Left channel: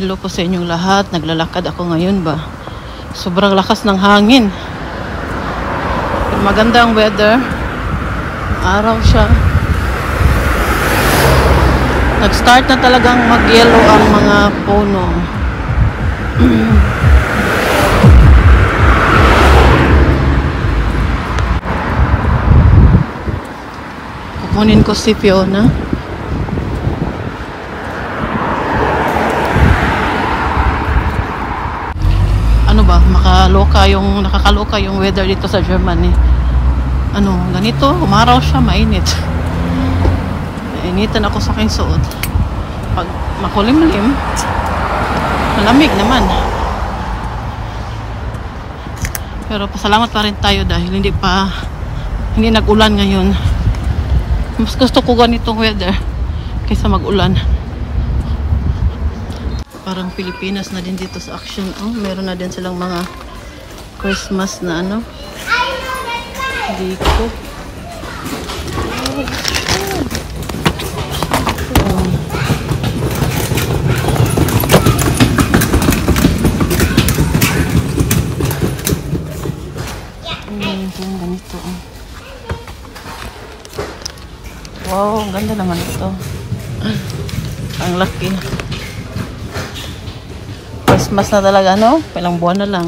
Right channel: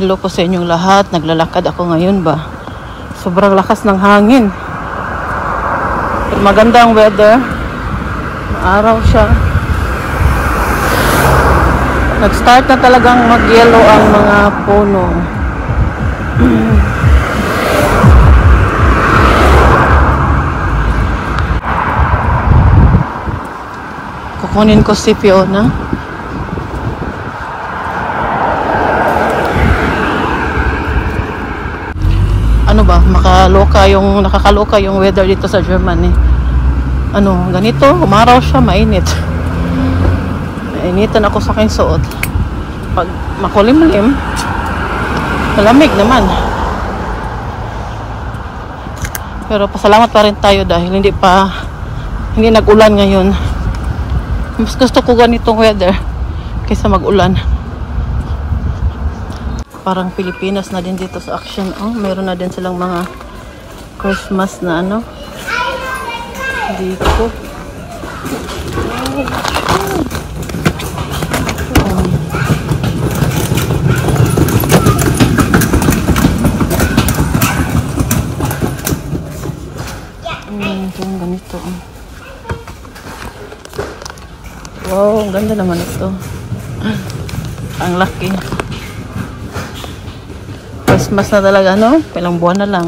Hello po sa inyong lahat. Naglalakad ako ngayon ba. Sobrang lakas ng hangin. Maganda ang weather. Araw siya. Nag-start na talagang mag-yellow ang mga puno. Kukunin ko si Fiona. Ano ba, nakakaloka yung weather dito sa Germany. Ano, ganito, umaraw siya, mainit. Mainitan ako sa aking suot. Pag makulimlim, malamig naman. Pero pasalamat pa rin tayo dahil hindi nag-ulan ngayon. Mas gusto ko ganitong weather kaysa mag-ulan. Parang Pilipinas na din dito sa Action. Oh, meron na din silang mga Christmas na ano. Dito. Ganito. Wow, ang ganda naman ito. Ang laki. Christmas na talaga, no? Ilang buwan na lang.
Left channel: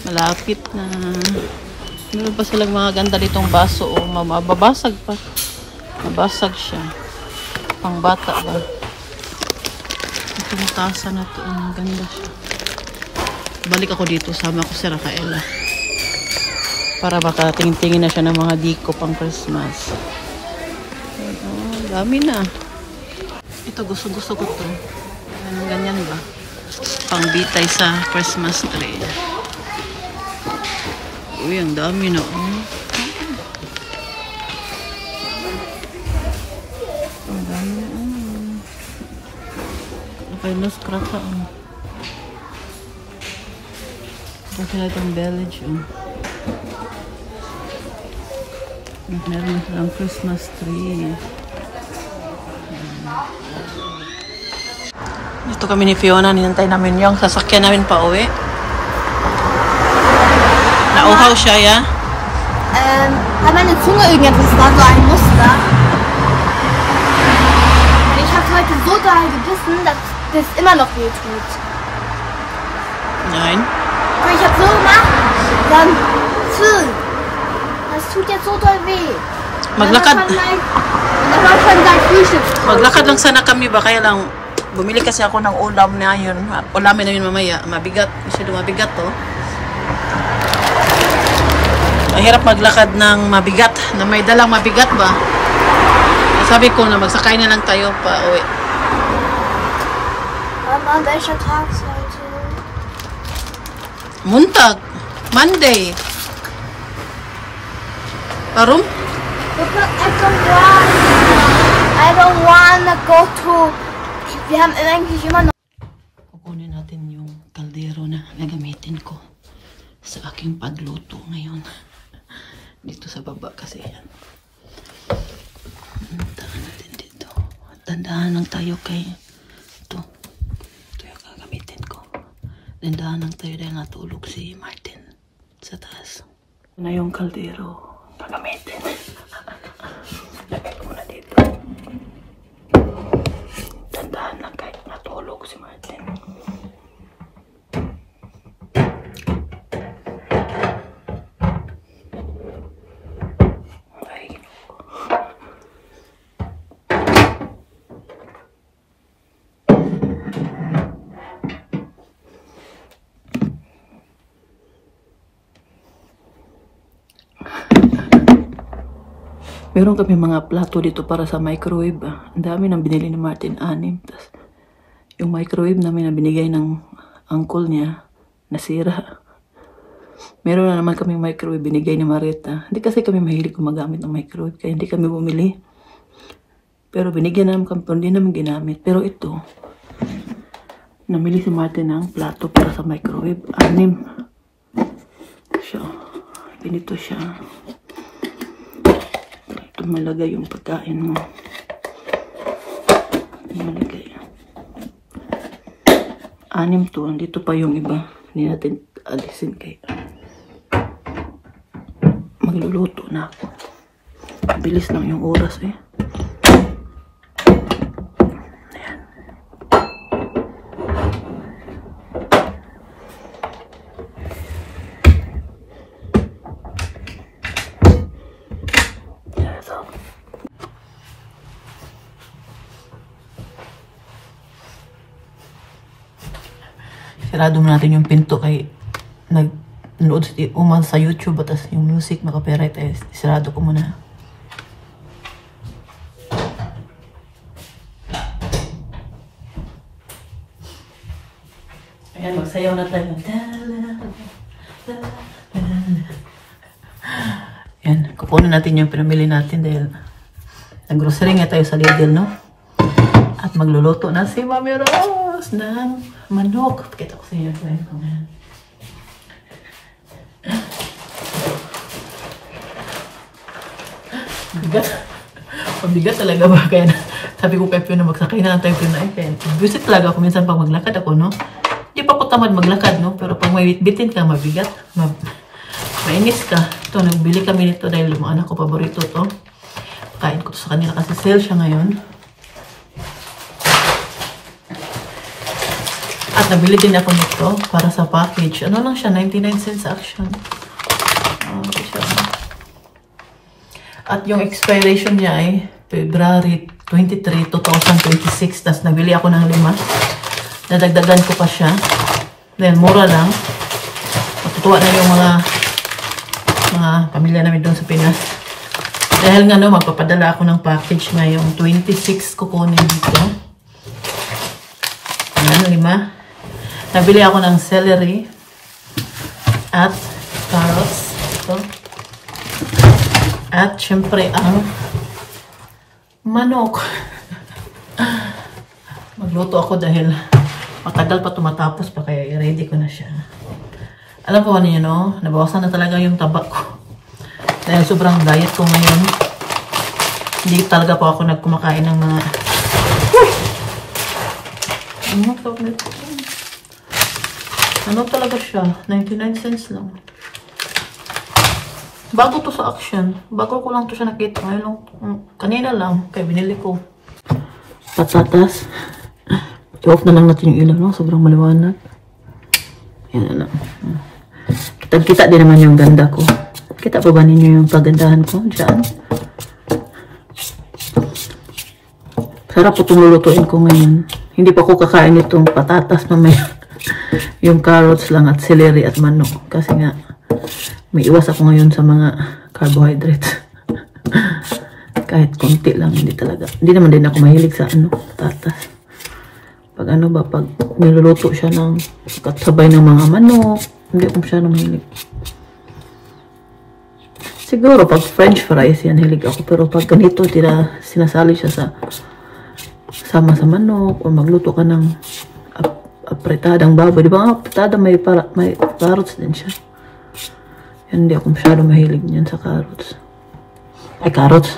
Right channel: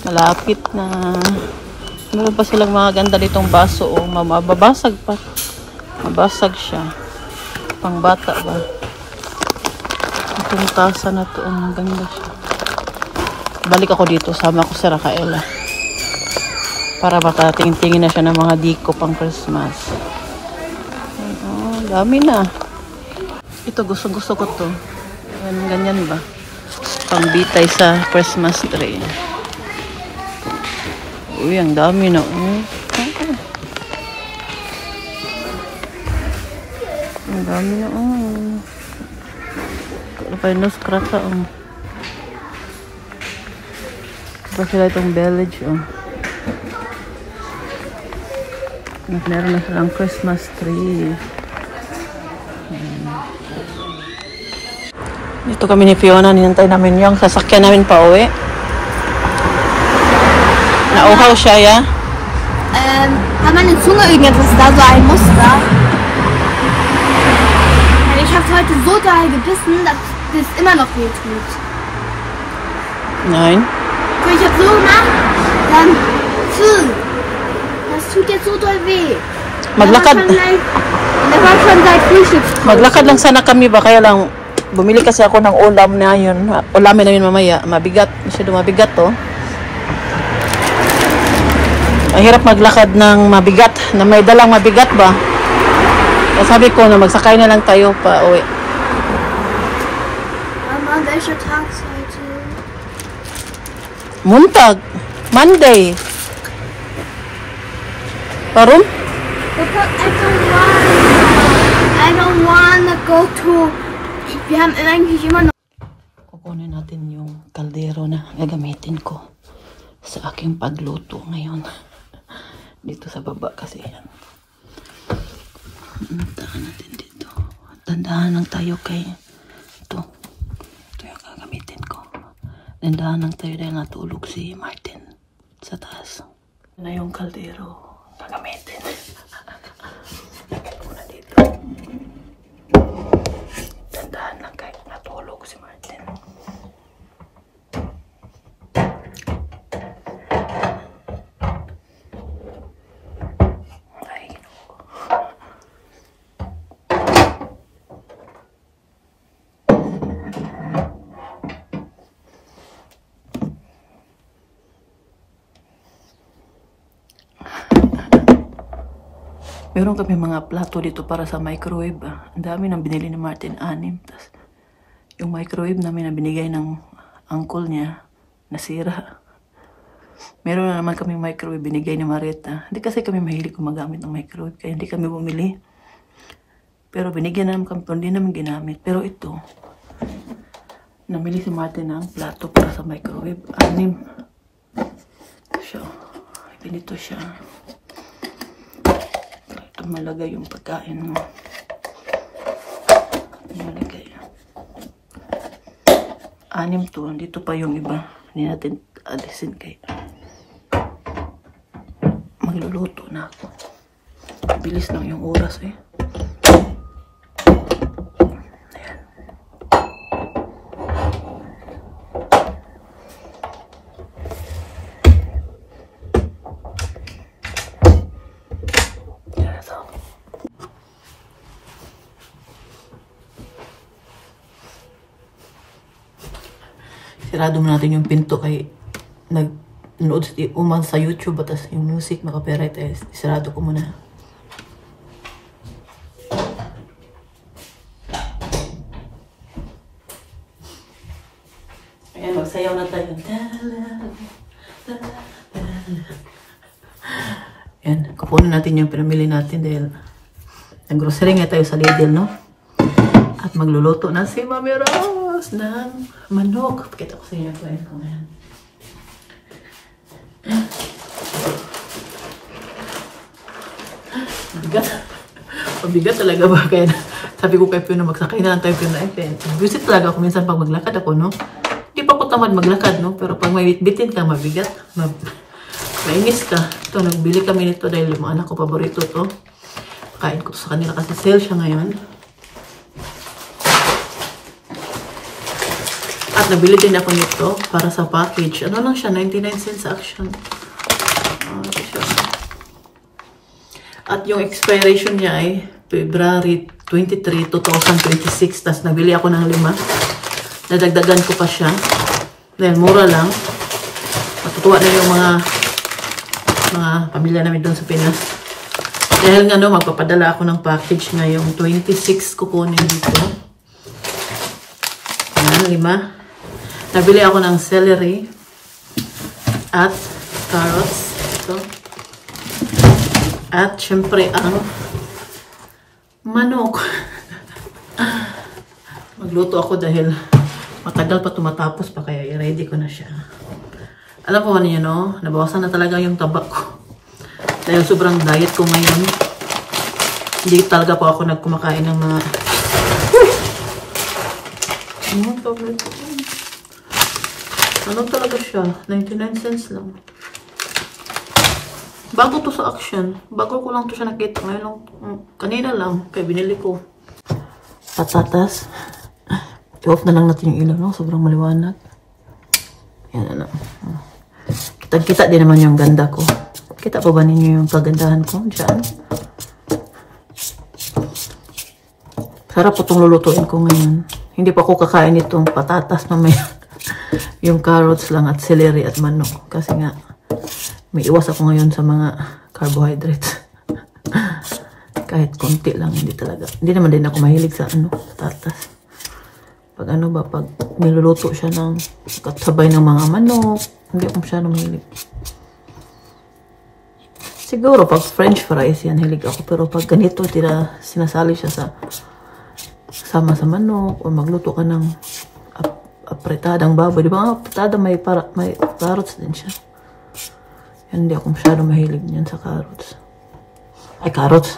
Malapit na. Meron pa silang mga ganda ditong baso. O, mababasag pa. Mabasag siya. Pang bata ba? Itong tasa na to. Ang ganda. Balik ako dito. Sama ko si Rafaela. Para baka tingin-tingin na siya ng mga diko pang Christmas. Oh, dami na. Ito, gusto ko to. Ganyan ba? Pangbitay sa Christmas tree. Uy, ang dami na. Ang dami na. Kapay nos krata. Ito sila itong village. Meron na silang Christmas tree. Dito kami ni Fiona, ninantay namin yung sasakyan namin pa uwi. Nauhaw siya, ya? Hat meine Zunge irgendetwas da, so ein Muster. Und ich habe heute so doll gebissen, dass das immer noch weh tut. Nein. Und ich habe so gemacht, dann das tut jetzt so doll weh. Maglakad. Das war schon seit Frühstückszeit. Maglakad lang sana kami ba, kaya lang bumili kasi ako ng ulam na yun. Ulamin namin mamaya. Mabigat. Masyado mabigat to. Mahirap maglakad ng mabigat. Na may dalang mabigat ba? Kaya sabi ko na magsakay na lang tayo pa uwi. Mama, welcher Tag ist heute? Montag. Monday. Warum? I don't wanna go to... Wir haben eigentlich immer noch... Kukunin natin yung kaldero na gagamitin ko sa aking pagluto ngayon. Dito sa baba kasi yan. Tahan natin dito. Dandahan lang tayo kay ito. Ito yung gagamitin ko. Dandahan lang tayo dahil natulog si Martin sa taas. Ito na yung kaldero gagamitin. Lagay ko na dito. Dandahan lang kahit natulog si Martin. Meron kami mga plato dito para sa microwave. Ang dami nang binili ni Martin, 6. Tas yung microwave namin na binigay ng uncle niya, nasira. Meron na naman kami microwave binigay ni Marita. Hindi kasi kami mahilig gumagamit ng microwave, kaya hindi kami bumili. Pero binigyan naman kami, hindi namin ginamit. Pero ito, namili si Martin ng plato para sa microwave. 6. So, ganito siya. Ito malagay yung pagkain mo. Malagay. 6 to. Dito pa yung iba. Hindi natin alisin kay magluluto na ako. Bilis lang yung oras eh. Ayan. Ito. Sirado mo natin yung pinto kay nanood umang sa YouTube at yung music makapiright eh. Sirado ko muna. Ayan, magsayaw na tayo. Ayan, kupunin natin yung pinamili natin dahil nag-grocery nga tayo sa Lidl, no? At magluluto na si Mami Rose ng manok. Pakita ko sa inyo. Mabigat. Mabigat talaga ba? Kaya sabi ko kay Pio na magsakay na lang tayo Pio na eh. Visit talaga ako minsan pag maglakad ako, no? Hindi pa ako tamad maglakad, no? Pero pag may bitbitin ka, mabigat. Mainis ka. Ito, nagbili kami nito dahil yung anak ko paborito to. Pakain ko to sa kanila kasi sale siya ngayon. At nabili din ako nito para sa package. Ano lang siya? 99 cents sa Action. Ito siya. At yung expiration niya ay February 23, 2026. Tapos nabili ako ng 5. Nadagdagan ko pa siya. Dahil mura lang. Matutuwa na yung mga pamilya namin doon sa Pinas. Dahil nga no, magpapadala ako ng package ngayong 26 kukunin dito. Ayan, 5. Nabili ako ng celery at carrots. Ito. At syempre ang manok. Magluto ako dahil matagal pa tumatapos pa kaya i-ready ko na siya. Alam ko ano yun, no? Nabawasan na talaga yung taba ko. Dahil sobrang diet ko ngayon. Hindi talaga po ako nagkumakain ng mga... Ano talaga siya? 99 cents lang. Bago to sa Action. Bago ko lang to siya nakita. Ngayon lang, kanina lang. Kaya binili ko. Patatas. I-off na lang natin yung ilaw, no? Sobrang maliwanag. Yan na lang. Kita din naman yung ganda ko. Kita pa ba ninyo yung kagandahan ko? Diyan. Sarap po itong lulutuin ko ngayon. Hindi pa ko kakain itong patatas mamaya. Yung carrots lang at celery at manok. Kasi nga, may iwas ako ngayon sa mga carbohydrates. Kahit konti lang, hindi talaga. Hindi naman din ako mahilig sa patatas. Pag pag niluluto siya ng katsabay ng mga manok, hindi ako masyadong mahilig. Siguro pag french fries yan, hilig ako. Pero pag ganito, sinasali siya sama sa manok o magluto ka ng apretadang baboy. Di ba ang apretada may carrots din siya. Yan, hindi ako masyadong mahilig niyan sa carrots. Ay, carrots.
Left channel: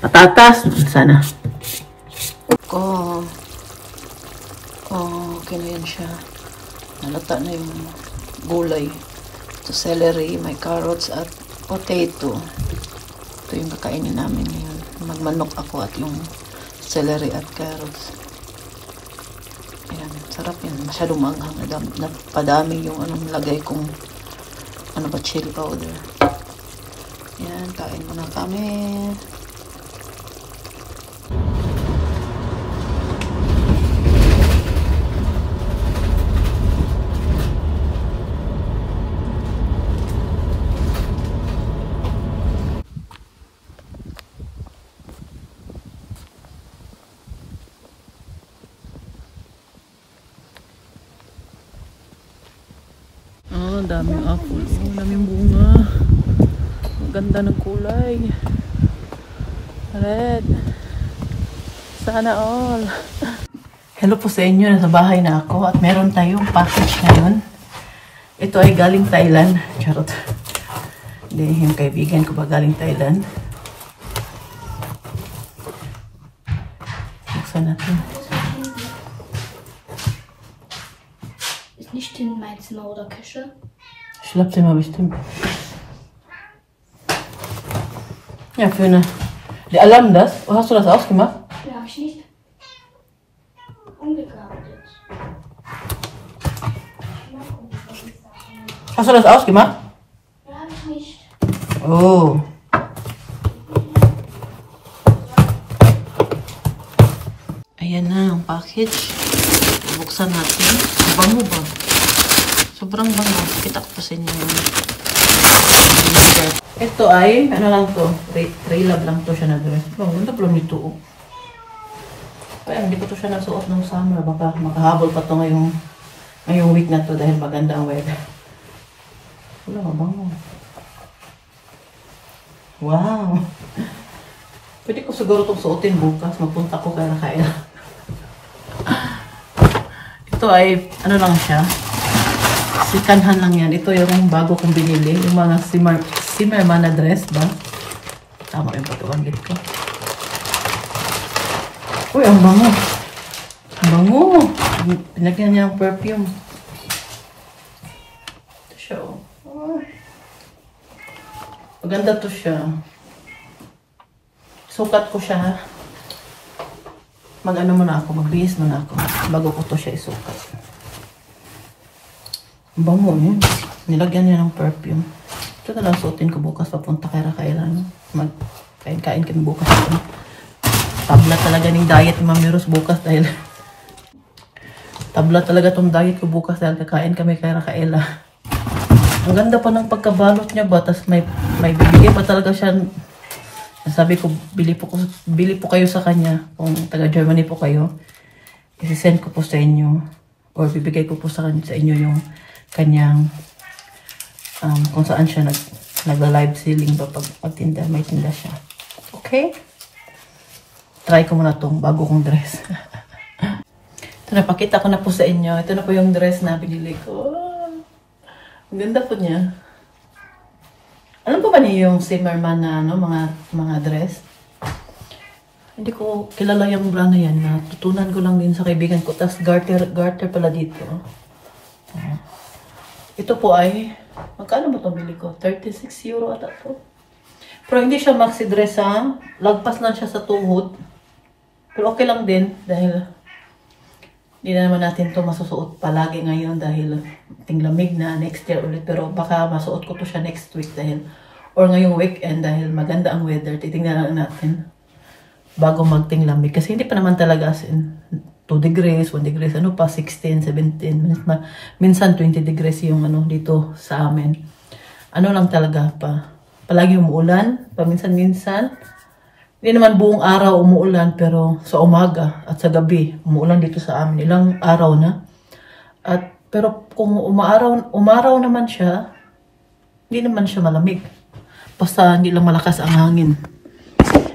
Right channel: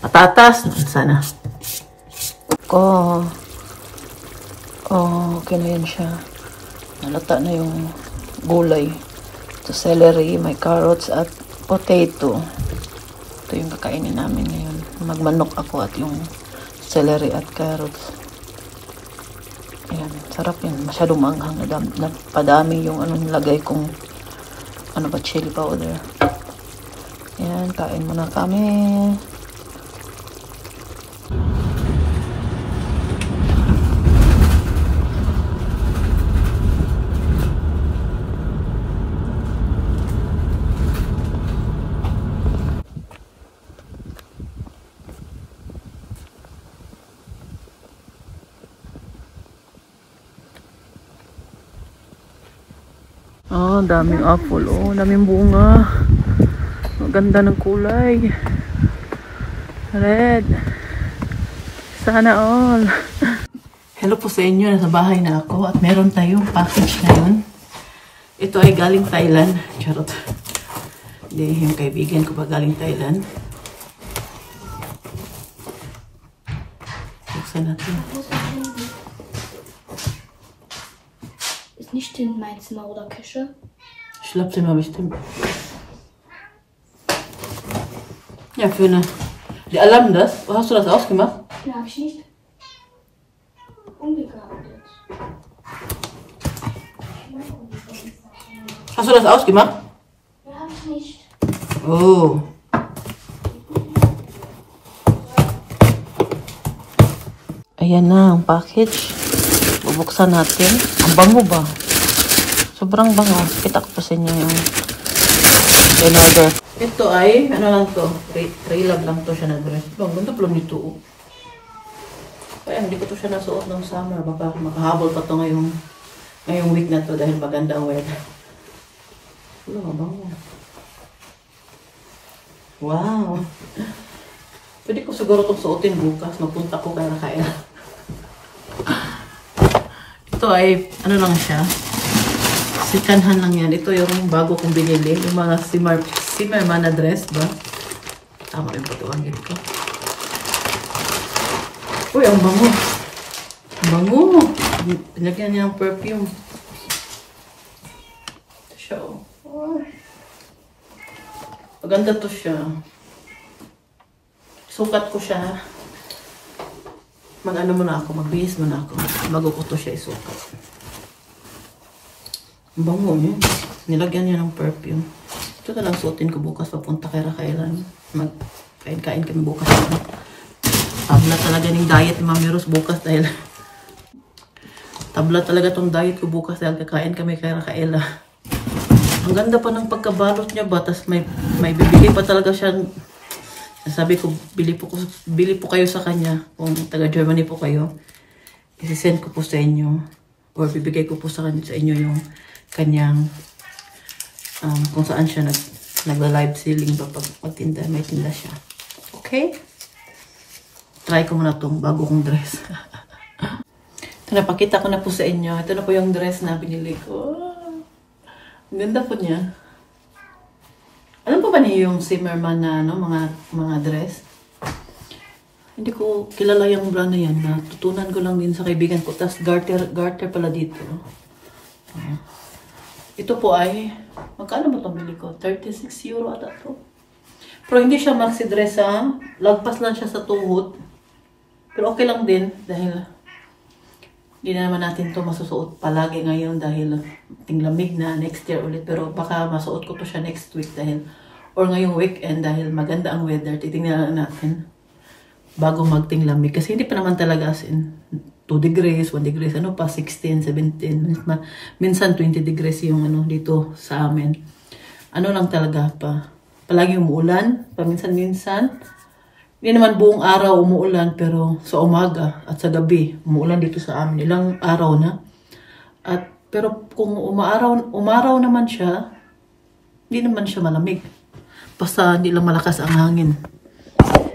Patatas. Sana. Okay na yan siya. Nalata na yung gulay. Ito celery, may carrots at potato. Ito yung kakainin namin ngayon. Magmanok ako at yung celery at carrots. Ayan, sarap yan. Masyadong maanghang. Napadami yung lagay kong chili powder. Ayan, kain muna kami. Daming apple, daming bunga. Maganda ng kulay. Red. Sana all. Hello po sa inyo, nasa bahay na ako at meron tayong package ngayon. Ito ay galing Thailand. Charot. Hindi, yung kaibigan ko ba galing Thailand. Buksan natin. nicht in mein Zimmer oder Küche. Schlafzimmer bestimmt. Ja, für eine. Die Alarm das? Wo hast du das ausgemacht? Den habe ich nicht umgegradet. Hast du das ausgemacht? Den habe ich nicht. Oh. Ayan na ang package. Bubuksan natin. Ang bango ba? Sobrang bango. Kita ko pa sa inyo yung order. Ito ay, ano lang to? Tray-lab lang to siya na dress. Ang ganda pala nito. Kaya hindi ko to siya nasuot ng summer. Baka makahabol pa to ngayong week na to dahil maganda ang weather. Wala, mabango. Wow. Pwede ko siguro itong suotin bukas. Magpunta ko kay Rakaela. Ito ay, ano lang siya. Sikanhan lang yan. Ito yung bago kong binili. Yung mga Zimmermann na dress ba? Tama yung pagkabanggit ko. Uy, ang bango. Ang bango. Pinagyan niya ng perfume. Ito siya, oh. Maganda to siya. Sukat ko siya. Mag-ano muna ako, magbihis muna ako bago ko to siya isukat. Bango yun. Nilagyan niya ng perfume. Ito na lang suotin ko bukas papunta kay Rakaela. Magkain-kain kami bukas. Tabla talaga ng diet ni Mami Rose bukas dahil tabla talaga tong diet ko bukas dahil kakain kami kay Rakaela. Ang ganda pa ng pagkabalot niya ba? Tapos may bibigay pa talaga siya. Sabi ko, bili po kayo sa kanya. Kung taga Germany po kayo, isi-send ko po sa inyo. Or bibigay ko po sa inyo yung kanyang kung saan siya nagla-live selling ba pag magtinda, may tinda siya. Okay? Try ko muna tong bago kong dress. Ito, napakita ko na po sa inyo. Ito na po yung dress na binili ko. Ang ganda po niya. Alam po ba niyo yung Zimmermann na mga dress? Hindi ko kilala yung brand na yan. Natutunan ko lang din sa kaibigan ko. Tapos garter pala dito. Ito po ay, magkano ba itong bili ko? 36 euro ata to. Pero hindi siya maxi dress ha. Lagpas lang siya sa tuhod. Pero okay lang din dahil hindi na naman natin to masusuot palagi ngayon dahil tinglamig na next year ulit. Pero baka masuot ko to siya next week dahil or ngayong weekend dahil maganda ang weather. Titingnan natin bago magtinglamig. Kasi hindi pa naman talaga as in 2 degrees, 1 degrees, ano pa, 16, 17. Minsan 20 degrees yung ano dito sa amin. Ano lang talaga pa. Palagi umuulan, paminsan-minsan. Hindi naman buong araw umuulan, pero sa umaga at sa gabi, umuulan dito sa amin. Ilang araw na. Pero kung umaraw naman siya, hindi naman siya malamig. Basta hindi lang malakas ang hangin.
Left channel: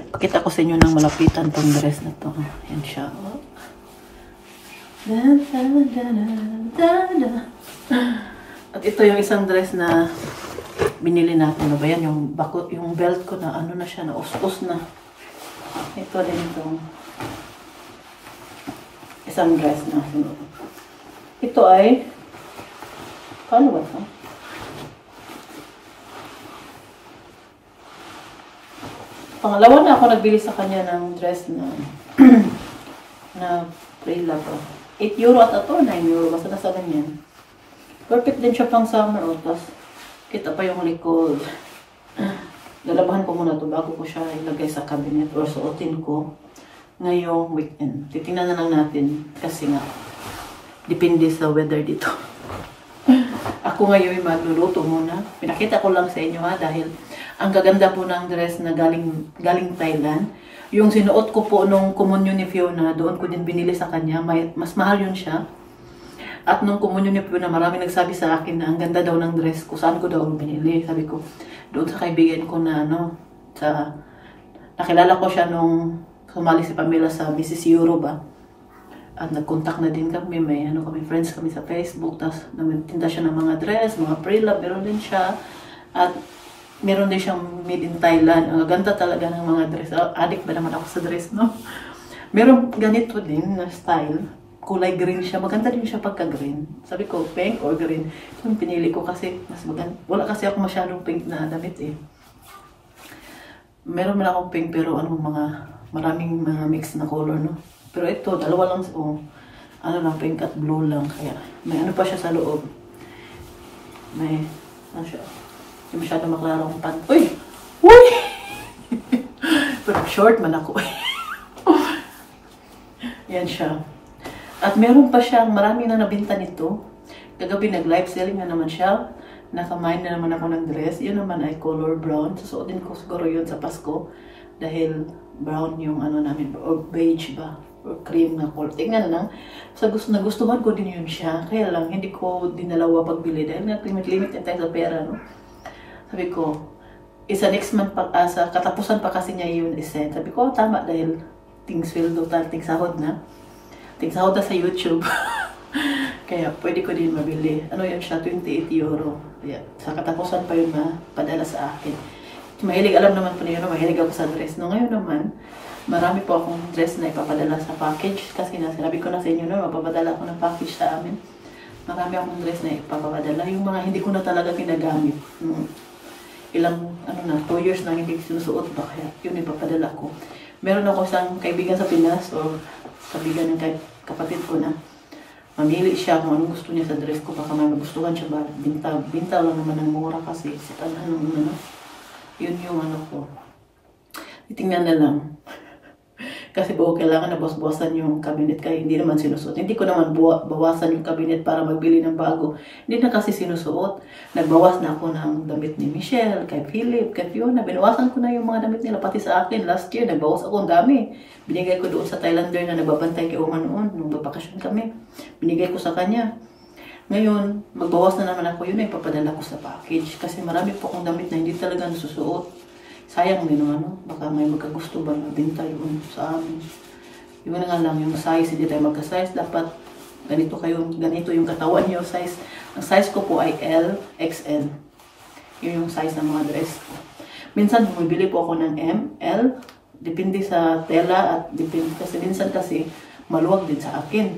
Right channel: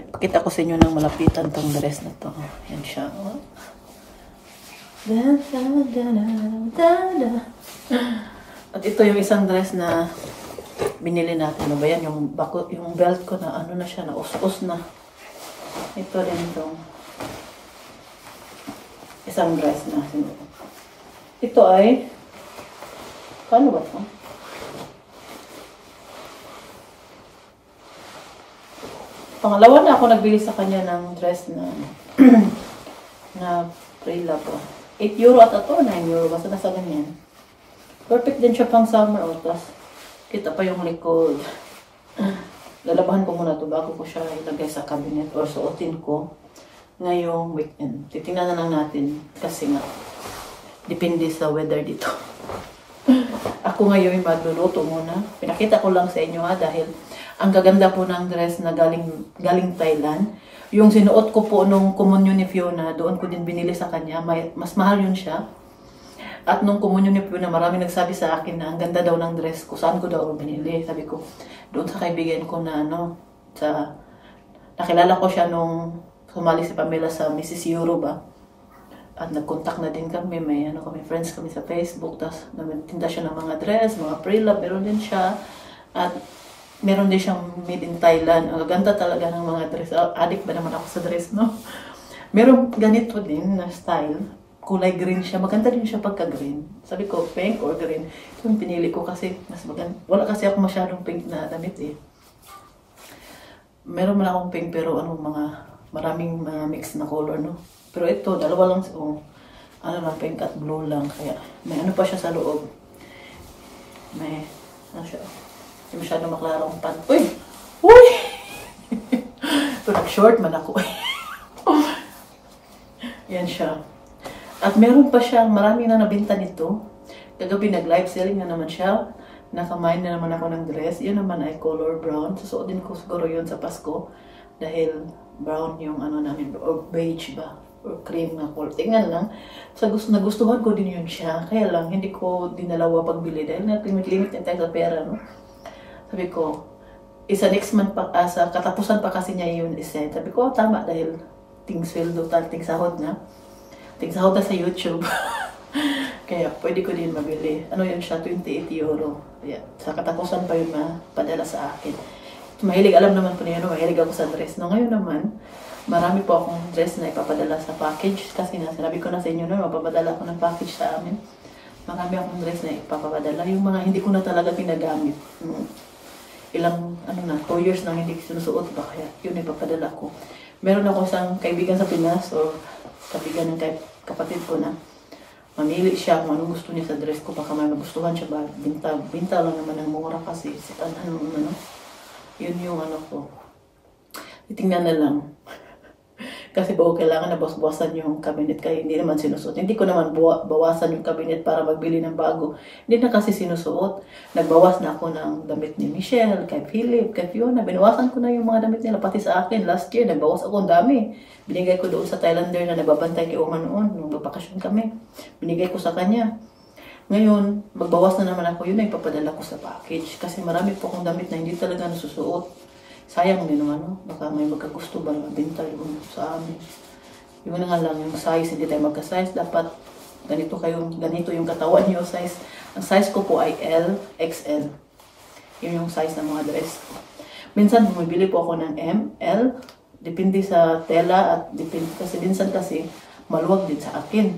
Pakita ko sa inyo ng malapitan tong dress na to. Yan siya. At ito yung isang dress na binili natin. Ano ba yan? Yung belt ko na ano na siya, na us-us na. Ito rin itong isang dress na. Ito ay paano ba ito? Pangalawa na ako nagbili sa kanya ng dress na na pre-lab. 8 euro ata to, 9 euro. Basta nasa ganyan. Perfect din siya pang summer. Tapos kita pa yung likod. Lalabahan ko muna to bago ko siya ilagay sa cabinet or suotin ko ngayong weekend. Titingnan na lang natin kasi nga depende sa weather dito. Ako ngayon magluluto muna. Pinakita ko lang sa inyo ha dahil ang gaganda po ng dress na galing Thailand. Yung sinuot ko po nung communion ni Fiona, doon ko din binili sa kanya. Mas mahal yun siya. At nung communion ni Fiona, marami nagsabi sa akin na ang ganda daw ng dress ko. Saan ko daw binili? Sabi ko, doon sa kaibigan ko na nakilala ko siya nung sumali si Pamela sa Mrs. Euro ba. At nag-contact na din kami, may friends kami sa Facebook. Tapos nagtinda siya ng mga dress, mga pre-lab, meron din siya. At meron din siyang made in Thailand. Ang ganda talaga ng mga dress. Addict ba naman ako sa dress, no? Meron ganito din na style. kulay green siya. Maganda din siya pagka-green. Sabi ko, pink or green. Ito yung pinili ko kasi mas maganda. Wala kasi ako masyadong pink na damit eh. Meron man akong pink pero maraming mga mix na color, no? Pero ito, dalawa lang, ano lang, pink at blue lang. Kaya may ano pa siya sa loob. May, ano siya, hindi masyadong maklarong pant. Uy! Uy! Pero short man ako. Yan siya. At meron pa siyang marami na nabinta nito. Kagabi nag-live selling na naman siya. Nakamain na naman ako ng dress. Yun naman ay color brown. Susuotin ko siguro yun sa Pasko. Dahil brown yung ano namin. Or beige ba? Or cream na color. Tingnan lang. Nagustuhan ko din yun siya. Kaya lang, hindi ko dinalawa pagbili. Dahil nag-limit din tayo sa pera, no? Sabi ko, isa next month pa, sa katapusan pa kasi niya yun isend. Sabi ko, tama dahil ting sweldo, ting sahod na. Tigsahod na sa YouTube. Kaya pwede ko din mabili. Ano yun siya? 28 euro. Kaya, sa katapusan pa yun mapadala sa akin. Mahilig, alam naman po niyo, mahilig ako sa dress. No, ngayon naman, marami po akong dress na ipapadala sa package. Kasi sinabi ko na sa inyo, no, mapapadala ako ng package sa amin. Marami akong dress na ipapadala. Yung mga hindi ko na talaga pinagamit. Ilang, 2 years nang hindi sinusuot ba? Kaya yun ipapadala ko. Meron ako isang kaibigan sa Pinas o kaibigan ng kapatid ko na mamili siya kung anong gusto niya sa dress ko. Baka may magustuhan siya ba. Binta lang naman ng mura kasi. Yun yung ano ko. Itingnan na lang. Kasi bago kailangan na bawasan yung cabinet kaya hindi naman sinusuot. Hindi ko naman bawasan yung cabinet para magbili ng bago. Hindi na kasi sinusuot. Nagbawas na ako ng damit ni Michelle, kay Philip, kay Fiona. Binawasan ko na yung mga damit nila pati sa akin. Last year, nagbawas ako ang dami. Binigay ko doon sa Thailander na nagbabantay kay Oma noon nung babakasyon kami. Binigay ko sa kanya. Ngayon, magbawas na naman ako. Yun ay papadala ko sa package. Kasi marami po akong damit na hindi talaga nasusuot. Sayang din baka may magkagusto ba na binta yun sa amin. Yun nga lang, yung size, hindi tayo magka-size. Dapat ganito yung katawan niyo size. Ang size ko po ay L, XL. Yun yung size ng mga dress ko. Minsan, bumibili po ako ng M, L. Depende sa tela at depende kasi minsan kasi maluwag din sa akin.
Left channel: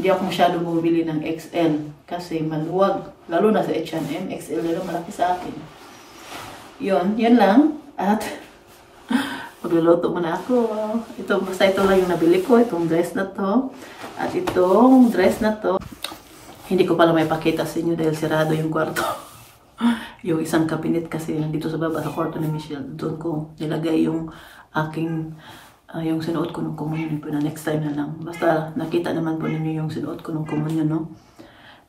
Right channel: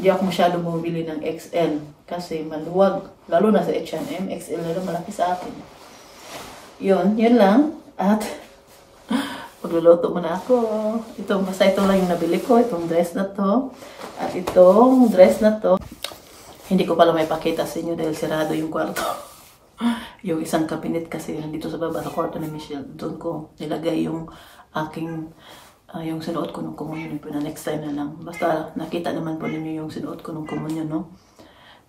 Hindi ako masyado bumibili ng XL kasi maluwag. Lalo na sa H&M, XL na malaki sa akin. Yun lang. At magluluto muna ako. Basta ito lang yung nabili ko. Itong dress na to. At itong dress na to. Hindi ko pala may pakita sa inyo dahil sirado yung kwarto. Yung isang cabinet kasi nandito sa baba sa kwarto ni Michelle. Doon ko nilagay yung aking yung sinuot ko nung communion po na next time na lang. Basta nakita naman po ninyo yung sinuot ko nung communion, no?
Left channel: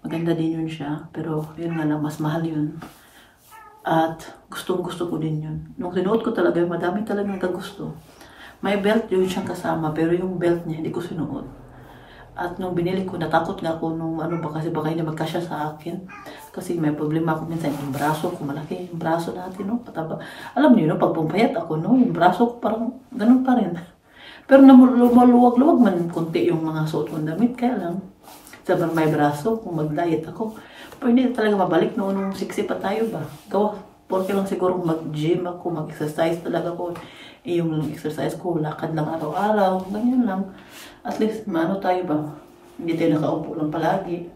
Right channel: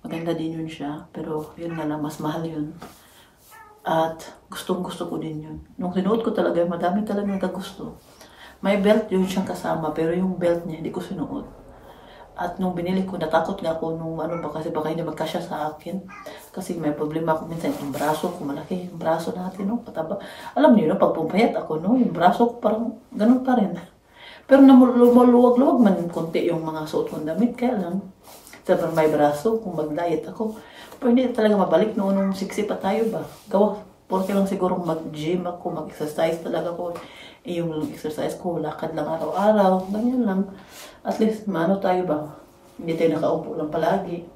Maganda din yun siya. Pero yun nga lang, mas mahal yun. At gustong-gusto ko din yun. Nung sinuot ko talaga, madami talaga nagkagusto. May belt yun siyang kasama, pero yung belt niya, hindi ko sinuot. At nung binili ko, natakot nga ako nung kasi baka hindi magkasya sa akin. Kasi may problema ako minsan, yung braso ko, malaki yung braso natin, no? Pataba. Alam niyo, pag pumpayat ako, no? Yung braso ko parang ganun pa rin. Pero luwag-luwag man konti yung mga suot kong damit, kaya lang. Sabi may braso, kung mag-diet ako. Pero hindi talaga mabalik noon nung siksi pa tayo ba? Porque lang siguro mag-gym ako, mag-exercise talaga ko. Yung exercise ko, lakad lang araw-araw, ganyan lang. At least, tayo ba? Hindi tayo nakaupo lang palagi.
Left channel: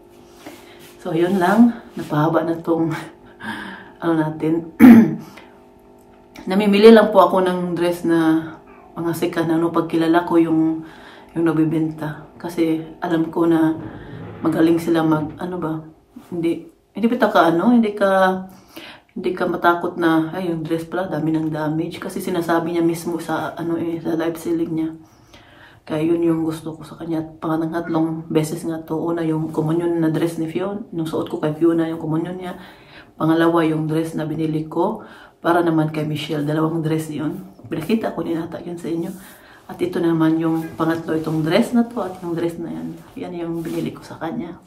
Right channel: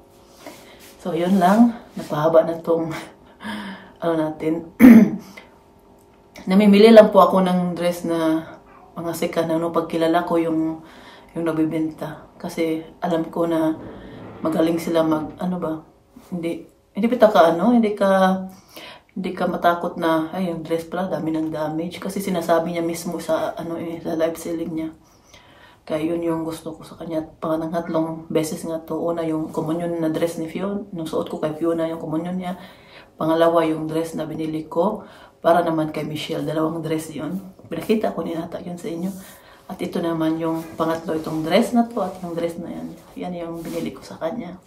So, yun lang. Napahaba na tong, natin. Namimili lang po ako ng dress na mga sikat na pagkilala ko yung nabibenta. Kasi alam ko na magaling sila hindi ka matakot na yung dress pala dami ng damage kasi sinasabi niya mismo sa sa live selling niya. Kaya yun yung gusto ko sa kanya. Pangatlong beses nga to. Una yung communion na dress ni Fiona, nung suot ko kay Fiona yung communion niya. Pangalawa yung dress na binili ko para naman kay Michelle. 2 dress yun. Pinakita ko ninata yun sa inyo. At ito naman yung pangatlo, itong dress na to at yung dress na yan. Yan yung binili ko sa kanya.